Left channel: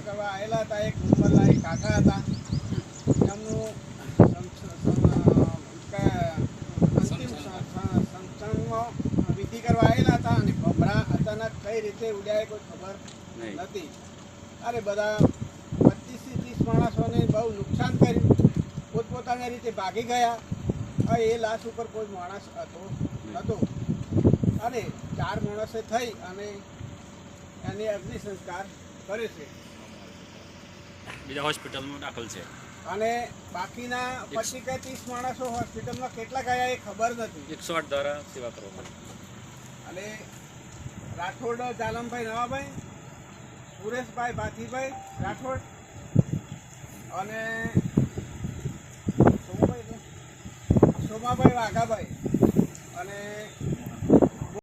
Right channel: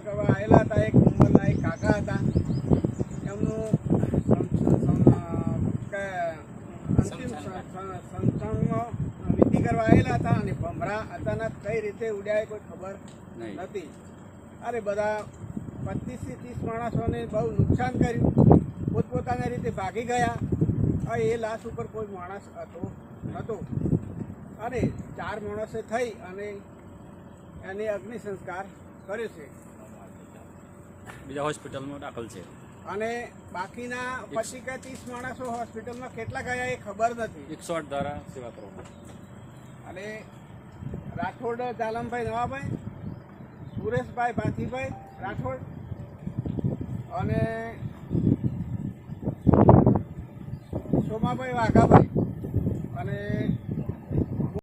સંસ્કાર કરવા આવેલા હતા. એક ઉંમરના એક કાકા હતા, એમનું અંતિમ સંસ્કારમાં વિધિ કરવા આવેલા હતા અને ભમરા અચાનક કઈ રીતે ઉડ્યા કોઈ ખબર નથી. અરે બધા 25 થી 30 માણસોને બહુ નુકસાન કર્યું, પોતપોતાની રીતે ભાગી ગયા. એ લાશ ઉપર કોઈ માણસ નહોતો અને 4 માણસે થઈ અને એને અગ્નિ સંસ્કાર કરે છે. બીજા હોસ્પિટલમાં દાખલ છે અને બાકીના 25 કે 30 માણસો હોસ્પિટલમાં કેટલા ગયા એ ખબર નથી. 108 દ્વારા સેવા કરો. અને રાઠોડ જાલમભાઈ નવાભાઈ, સુરેશભાઈ ભાથીભાઈ રાઠોડ અને સોમાભાઈ વાઘાભાઈ અને